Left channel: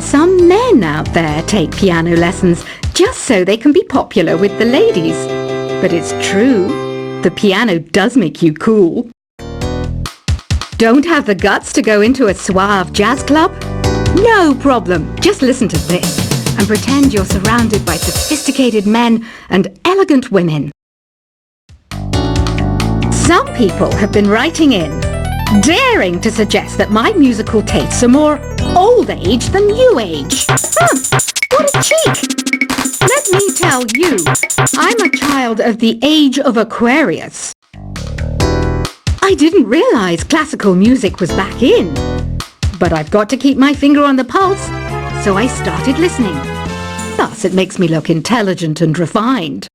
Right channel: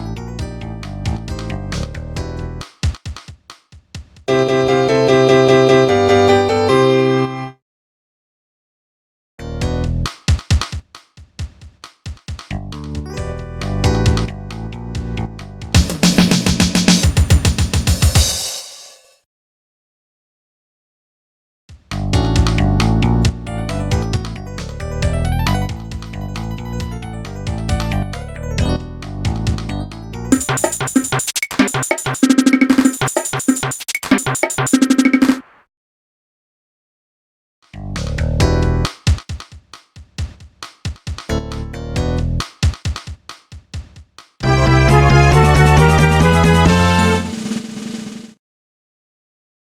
hear some men out there take piano lessons just so they can be popular with the ladies. But it's true, the piano does make you cool. Don't have the guts to go into a suave jazz club? No problem, just listen to this and pretend you're surrounded by sophisticated men and elegant women. Some people have been writing in, daring to suggest that my musical tastes are more old age than new age. What a cheek! Let me tell you, I'm a child of the age of Aquarius. I didn't realize classical music was back in, but I've got to keep my finger on the pulse, so I started listening. Thus, it makes me look intelligent and refined.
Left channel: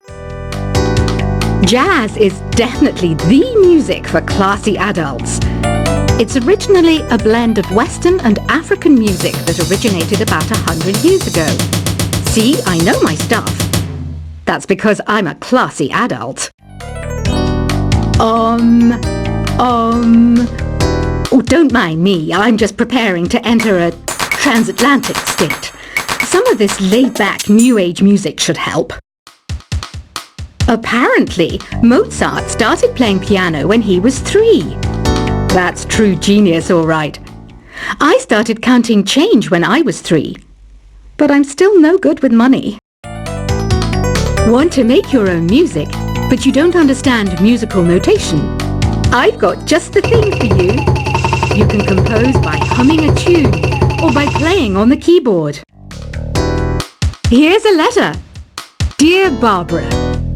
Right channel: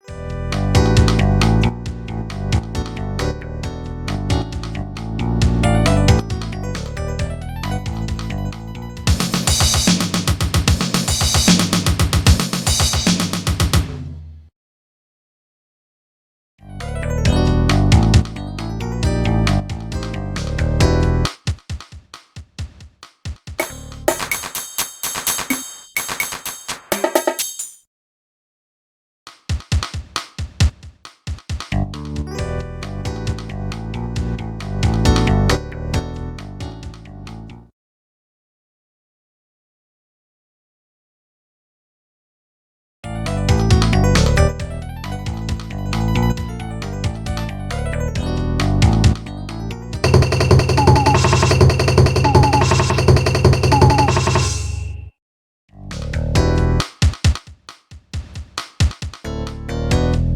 Jazz is definitely the music for classy adults. It's originally a blend of Western and African music that originated about 100 years ago. See, I know my stuff. That's because I'm a classy adult. Oh, don't mind me. I'm just preparing to enter a transatlantic state. Some of this laid-back New Age music should help. Apparently, Mozart started playing piano when he was 3. That's true genius, all right. I started counting change when I was 3. But I'm still no good with money. Want to make your own music, but you don't understand musical notation? I've got just the thing for you. You can compose by humming a tune or by playing on the keyboard. Here's a letter. Dear Barbara,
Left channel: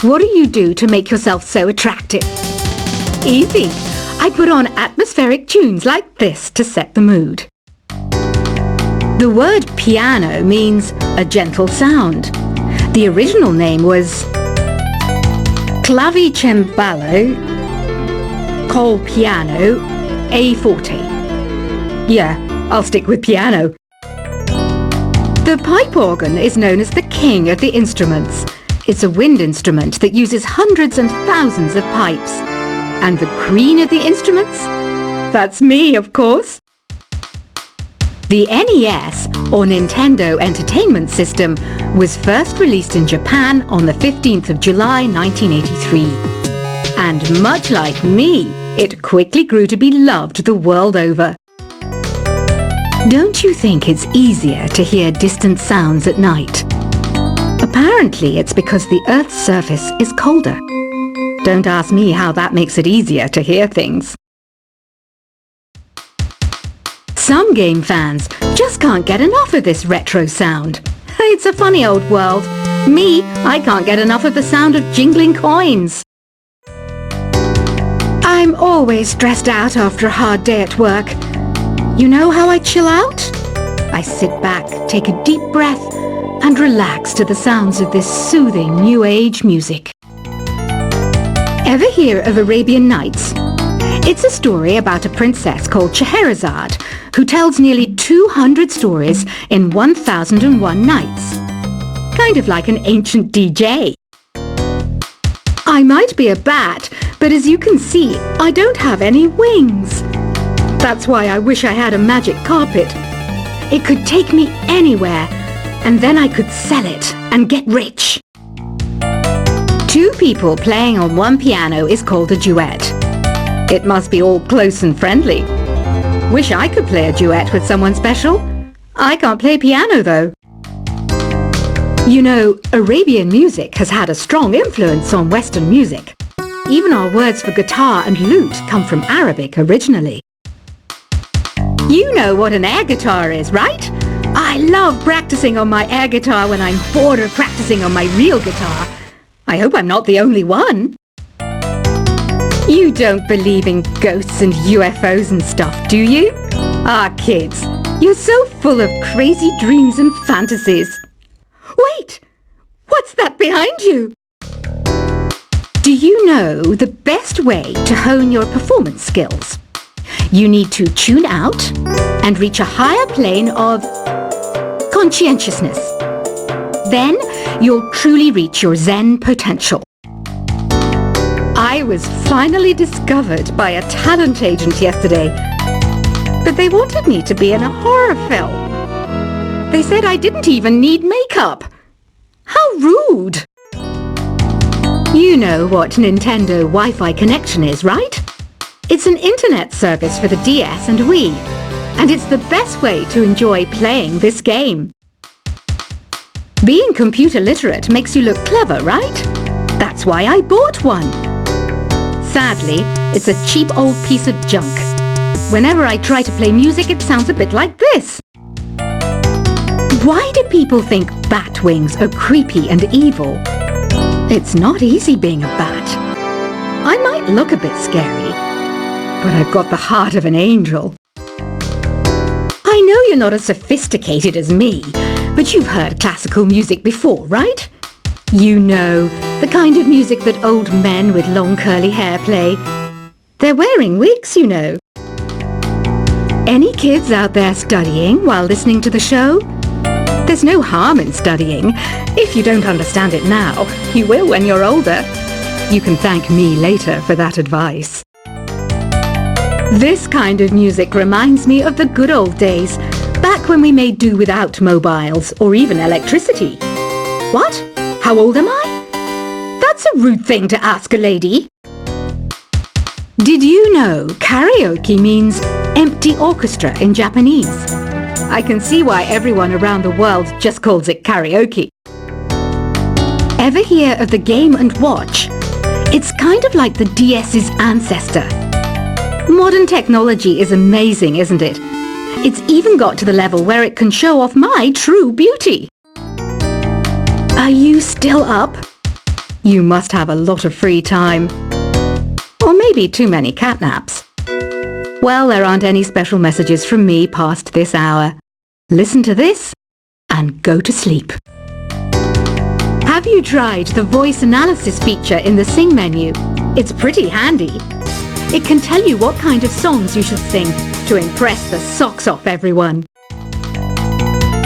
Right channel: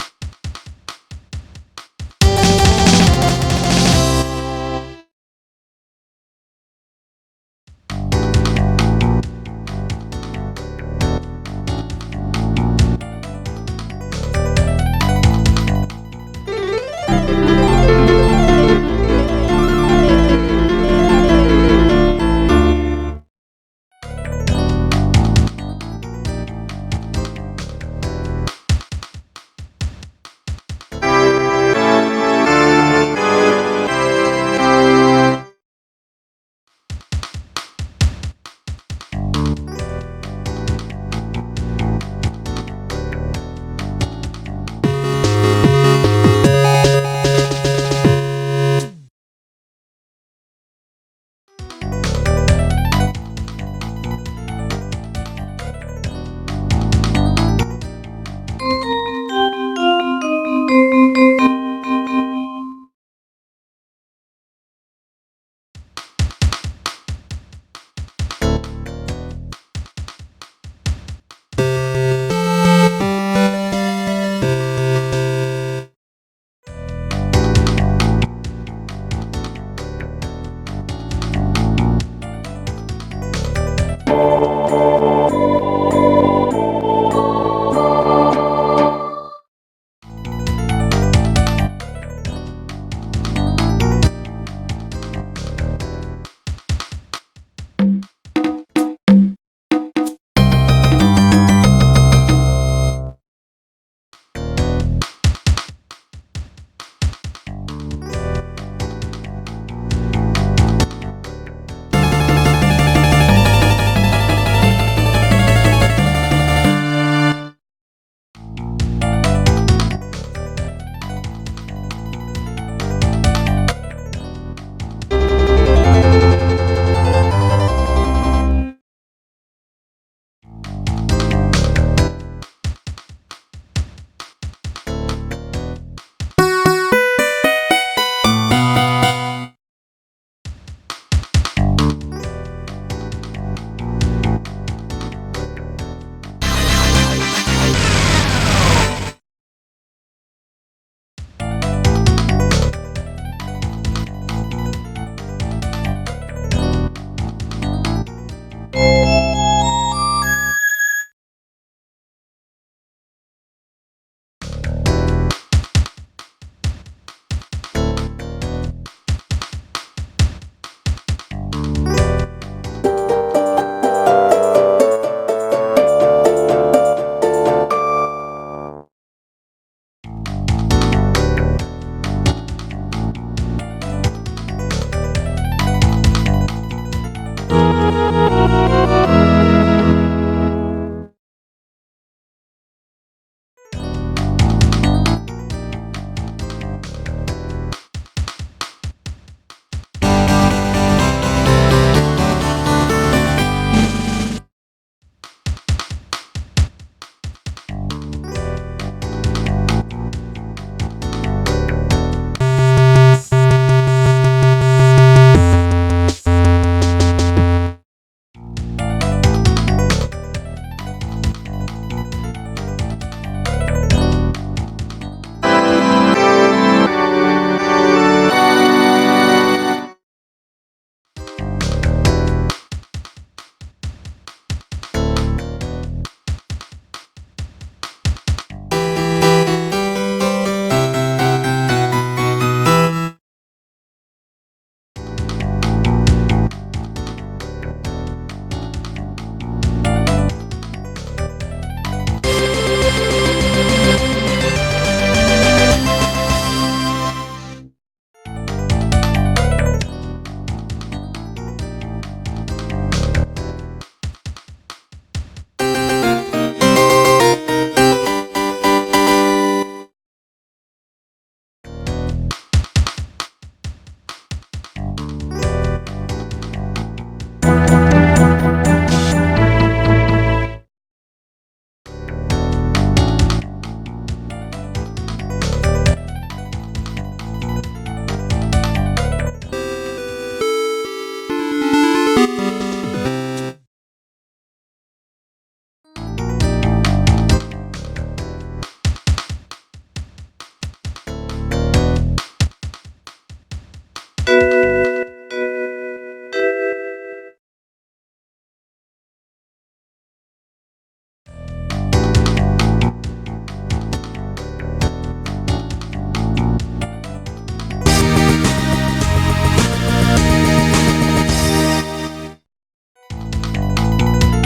what do you do to make yourself so attractive? Easy. I put on atmospheric tunes like this to set the mood. The word piano means a gentle sound. The original name was clavicembalo col piano a forte. Yeah, I'll stick with piano. The pipe organ is known as the king of the instruments. It's a wind instrument that uses hundreds and thousands of pipes. And the queen of the instruments? That's me, of course. The NES, or Nintendo Entertainment System, was first released in Japan on the 15th of July 1983. And much like me, it quickly grew to be loved the world over. Don't you think it's easier to hear distant sounds at night? Apparently, it's because the Earth's surface is colder. Don't ask me how that makes it easier to hear things. Some game fans just can't get enough of this retro sound. It's a funny old world. Me, I can't get enough of the sound of jingling coins. I'm always stressed out after a hard day at work. You know how I chill out? I sit back, take a deep breath, and relax to the sounds of this soothing New Age music. Ever hear of Arabian Nights? It's a story about a princess called Scheherazade, who tells nearly 200 stories in 1001 nights. Kind of like an ancient DJ. I might be a bat, but as you can see, I don't have any wings. That's why I wish I had a magic carpet. It could take me anywhere, and then I could sell it and get rich. 2 people playing on one piano is called a duet. It must be all close and friendly. Wish I could play a duet with someone special. I can't play piano though. You know, Arabian music has had a strong influence on Western music. Even our words for guitar and lute come from Arabic originally. You know what an air guitar is, right? I love practicing on my air guitar when I'm bored of practicing on my real guitar. I hope I'm not the only one. You don't believe in ghosts and UFOs and stuff, do you? Ah, kids, you're so full of crazy dreams and fantasies. Wait! What's that behind you? Do you know the best way to hone your performance skills? You need to tune out and reach a higher plane of conscientiousness. Then you'll truly reach your Zen potential. I was finally discovered by a talent agent yesterday, but they wanted me to be in a horror film. They said I didn't even need makeup. How rude! You know what Nintendo Wi-Fi connection is, right? It's an internet service for the DS and Wii, and it's the best way to enjoy playing this game. Being computer literate makes you look clever, right? That's why I bought one. Sadly, it's a cheap old piece of junk. Whenever I try to play music, it sounds a bit like this. Why do people think bat wings are creepy and evil? It's not easy being a bat. I might look a bit scary, but I've got the heart of an angel. I know you're not as sophisticated as me, but you've heard classical music before, right? You know, the kind of music that old men with long curly hair play. They're wearing wigs, you know. Any kids out there studying while listening to the show? There's no harm in studying. If you don't understand it now, you will when you're older. You can thank me later for that advice. This kind of music reminds me of the good old days, back when we made do without mobiles or even electricity. What? How old am I? That's a rude thing to ask a lady. Did you know karaoke means empty orchestra in Japanese? I can see why everyone around the world just calls it karaoke. Ever hear of the Game & Watch? It's kind of like the DS's ancestor. Modern technology is amazing, isn't it? It's even got to the level where it can show off my true beauty. Are you still up? You must have a lot of free time. Or maybe too many catnaps. Well, there aren't any special messages from me past this hour. Listen to this and go to sleep. Have you tried the voice analysis feature in the Sing menu? It's pretty handy. It can tell you what kind of songs you should sing to impress the socks off everyone.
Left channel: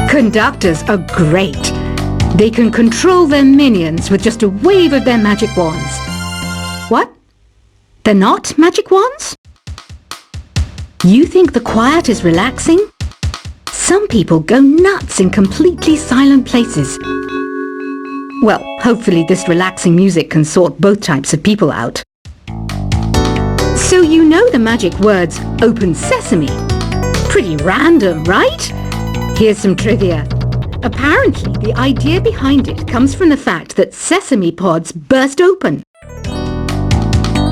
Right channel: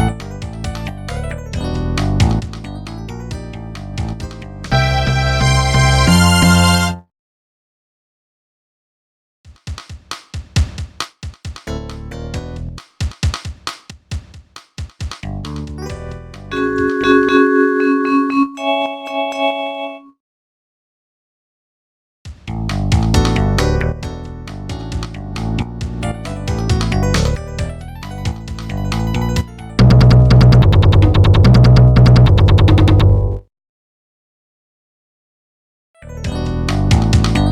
Conductors are great. They can control their minions with just a wave of their magic wands. What? They're not magic wands? You think the quiet is relaxing? Some people go nuts in completely silent places. Well, hopefully this relaxing music can sort both types of people out. So you know the magic words "Open Sesame." Pretty random, right? Here's some trivia. Apparently, the idea behind it comes from the fact that sesame pods burst open.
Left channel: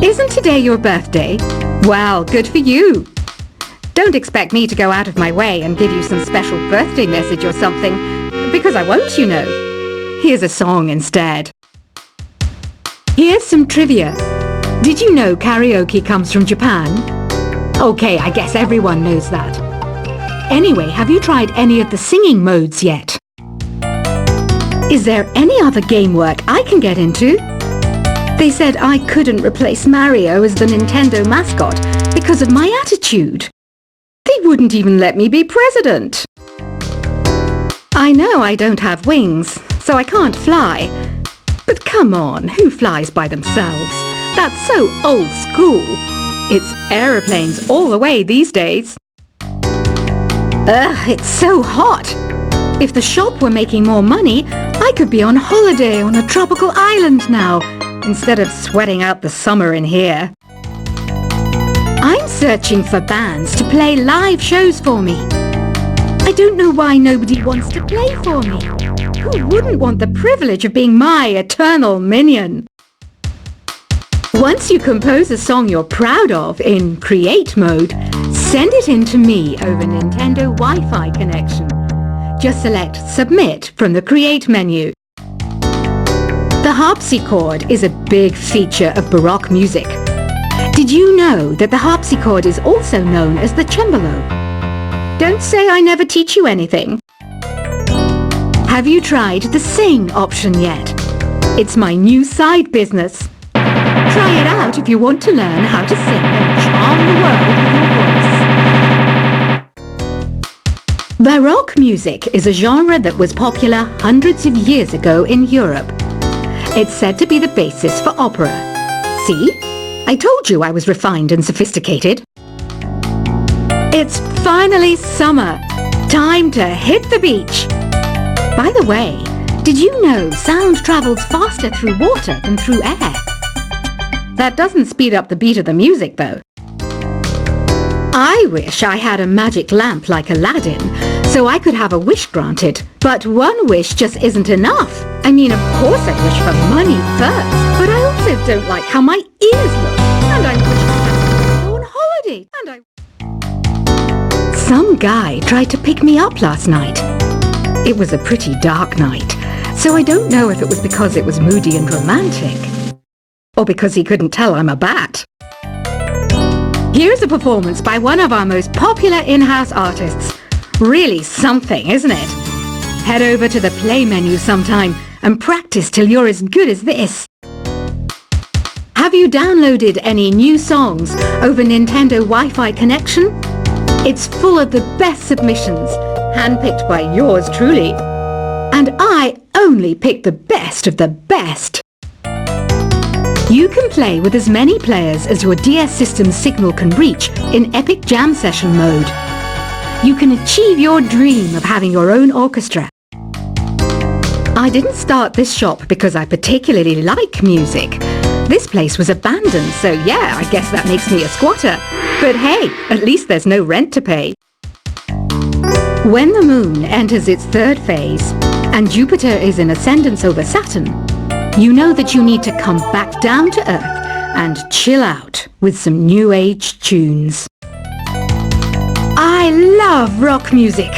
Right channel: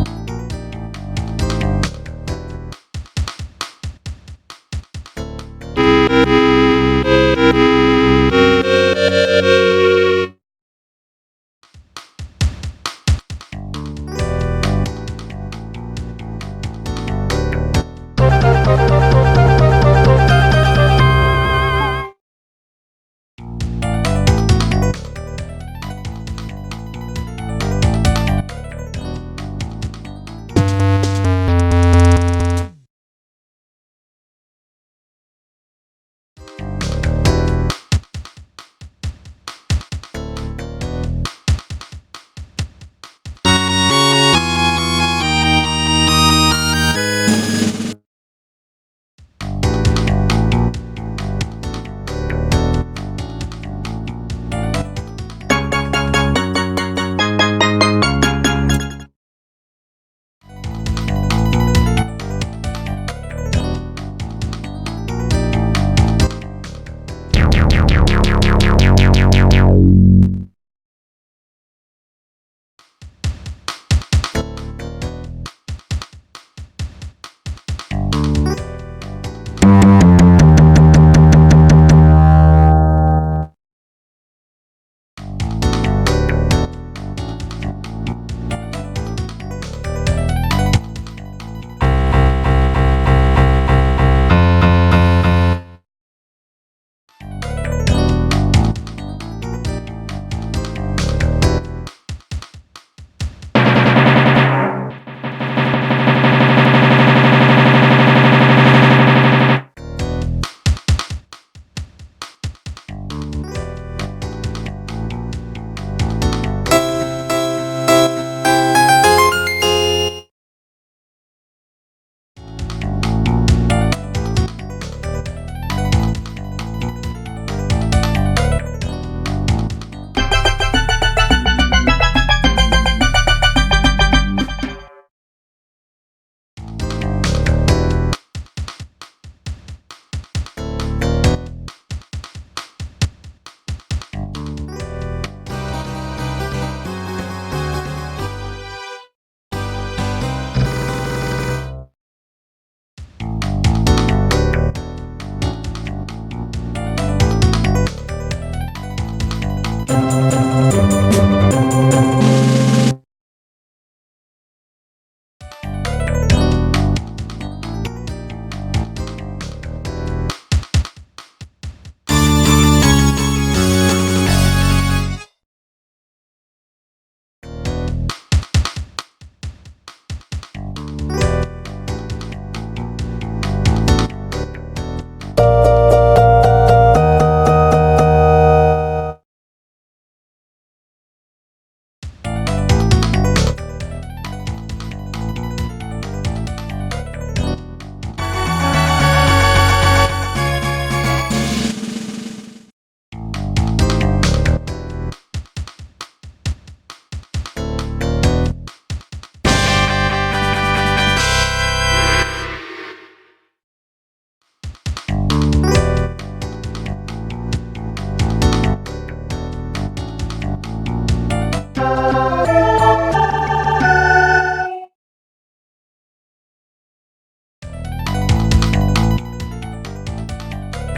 Isn't today your birthday? Well, good for you. Don't expect me to go out of my way and give you some special birthday message or something, because I won't, you know. Here's a song instead. Here's some trivia. Did you know karaoke comes from Japan? Okay, I guess everyone knows that. Anyway, have you tried any of the singing modes yet? Is there any other game work I can get into? They said I couldn't replace Mario as the Nintendo mascot because of my attitude. They wouldn't even let me be president. I know I don't have wings, so I can't fly. But come on, who flies by themselves? That's so old school. It's aeroplanes all the way these days. Ugh, it's so hot. If the shop were making more money, I could be on holiday on a tropical island now, instead of sweating out the summer in here. I'm searching for bands to play live shows for me. I don't know why nobody wants to play for me. Who wouldn't want the privilege of being my eternal minion? Once you compose a song you're proud of in Create mode, send it in to me over Nintendo Wi-Fi connection. Just select Submit from the Create menu. The harpsichord is a big feature of Baroque music. Did you know that the harpsichord is also known as the cembalo? Don't say I never teach you anything. Have you tried the Sing option yet? It's my new side business. Try it out if you want to learn how to sing and charm the world. Baroque music is a genre that was popular hundreds of years ago in Europe. It's said to be the basis for opera. See? I told you I was refined and sophisticated. It's finally summer. Time to hit the beach. By the way, did you know sound travels faster through water than through air? That doesn't speed up the beat of the music, though. I wish I had a magic lamp like Aladdin, so I could have a wish granted. But one wish just isn't enough. I mean, of course I wish for money first, but I also don't like how my ears look. And I go on holiday, Some guy tried to pick me up last night. It was a pretty dark night, so I don't know if it was because it was moody and romantic, or because he couldn't tell I'm a bat. Here's a performance by one of our most popular in-house artists. Really something, isn't it? Head over to the play menu sometime and practice till you're as good as this. Have you downloaded any new songs over Nintendo Wi-Fi connection? It's full of the best submissions, handpicked by yours truly. And I only pick the best of the best. You can play with as many players as your DS system's signal can reach in Epic Jam Session mode. You can achieve your dream of having your own orchestra. I didn't start this shop because I particularly like music. This place was abandoned, so yeah, I guess that makes me a squatter. But hey, at least there's no rent to pay. When the moon enters its third phase and Jupiter is in ascendance over Saturn, you know that you need to come back down to Earth and chill out with some new age tunes. I love rock music.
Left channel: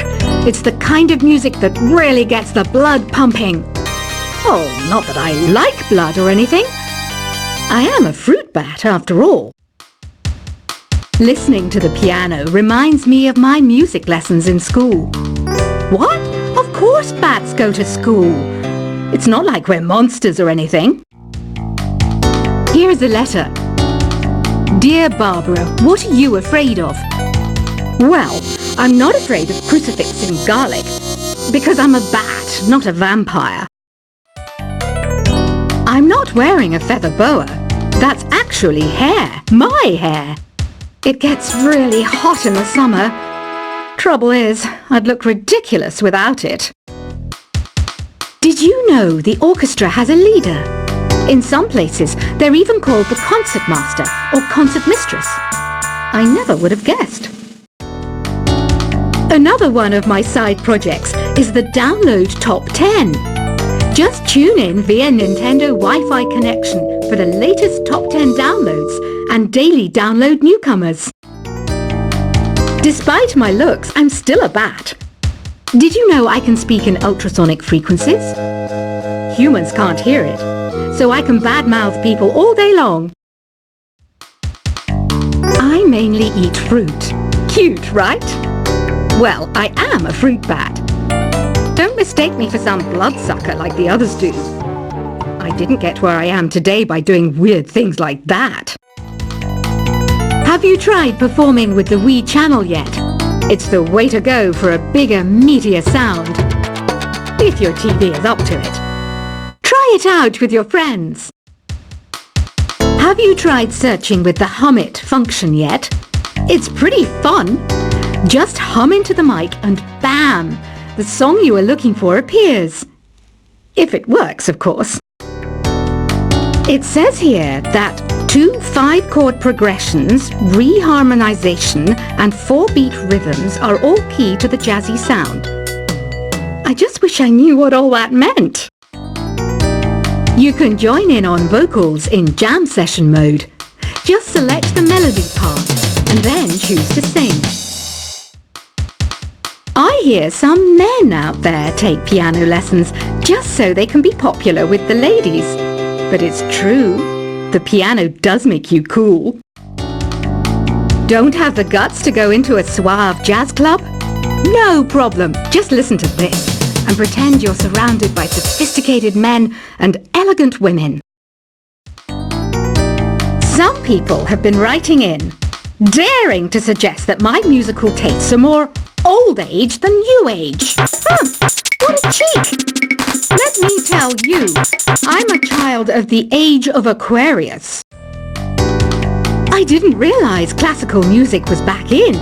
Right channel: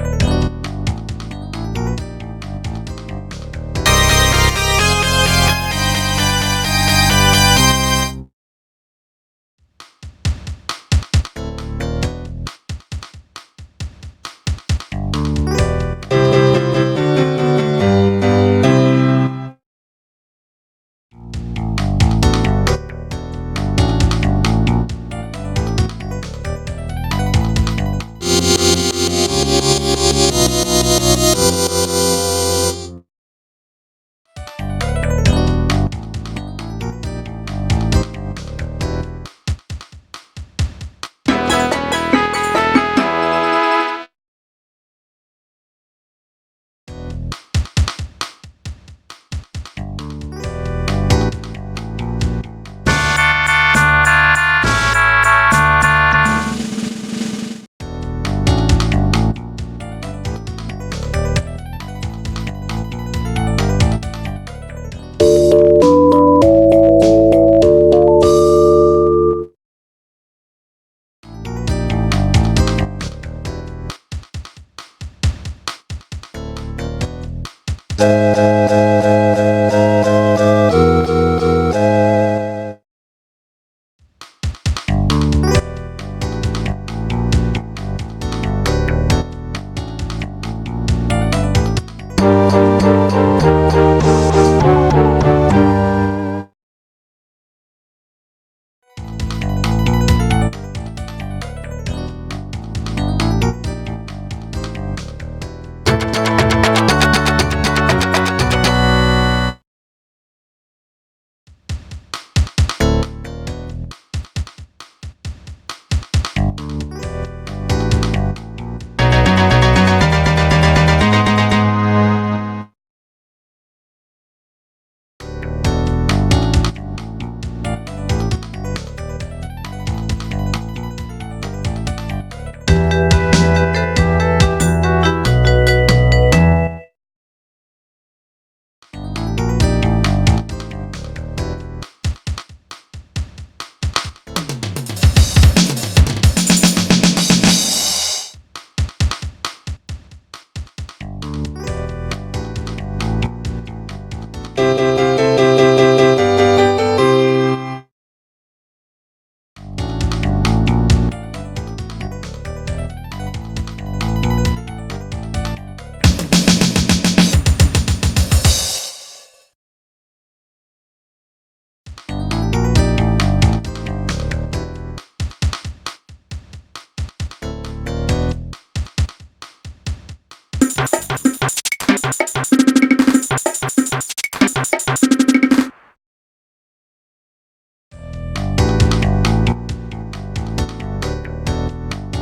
It's the kind of music that really gets the blood pumping. Oh, not that I like blood or anything. I am a fruit bat after all. Listening to the piano reminds me of my music lessons in school. What? Of course bats go to school. It's not like we're monsters or anything. Here's a letter. Dear Barbara, what are you afraid of? Well, I'm not afraid of crucifix and garlic, because I'm a bat, not a vampire. I'm not wearing a feather boa. That's actually hair, my hair. It gets really hot in the summer. Trouble is, I'd look ridiculous without it. Did you know the orchestra has a leader? In some places, they're even called the concert master or concert mistress. I never would have guessed. Another one of my side projects is the Download Top 10. Just tune in via Nintendo Wi-Fi connection for the latest Top 10 downloads and daily download newcomers. Despite my looks, I'm still a bat. Did you know I can speak in ultrasonic frequencies? Humans can't hear it, so I can badmouth people all day long. I mainly eat fruit. Cute, right? Well, I am a fruit bat. Don't mistake me for some bloodsucker like the others do. I didn't get where I am today by doing weird things like that. Have you tried performing with the Wii channel yet? It's the way to go for a bigger, meatier sound. If your TV is up to it. Try it out with your friends. Have you tried searching with the Hum It function yet? It's pretty fun. Just hum into the mic and bam! The song you are looking for appears. If it works, of course. It says here that 2 5-chord progressions, reharmonization, and 4-beat rhythms are all key to the jazzy sound. I just wish I knew what all that meant. You can join in on vocals in jam session mode. Just select the melody part and then choose to sing. I hear some men out there take piano lessons just so they can be popular with the ladies. But it's true, the piano does make you cool. Don't have the guts to go into a suave jazz club? No problem, just listen to this and pretend you're surrounded by sophisticated men and elegant women. Some people have been writing in, daring to suggest that my musical tastes are more old age than new age. What a cheek! Let me tell you, I'm a child of the age of Aquarius. I didn't realize classical music was back in,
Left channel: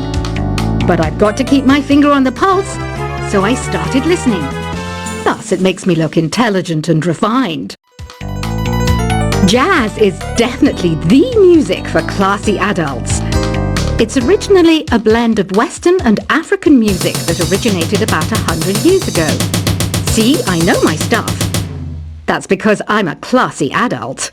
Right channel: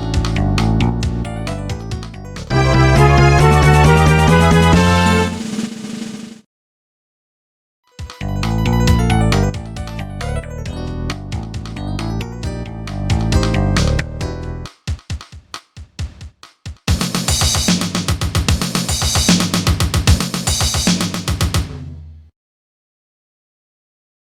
but I've got to keep my finger on the pulse, so I started listening. Plus, it makes me look intelligent and refined. Jazz is definitely the music for classy adults. It's originally a blend of Western and African music that originated about 100 years ago. See, I know my stuff. That's because I'm a classy adult.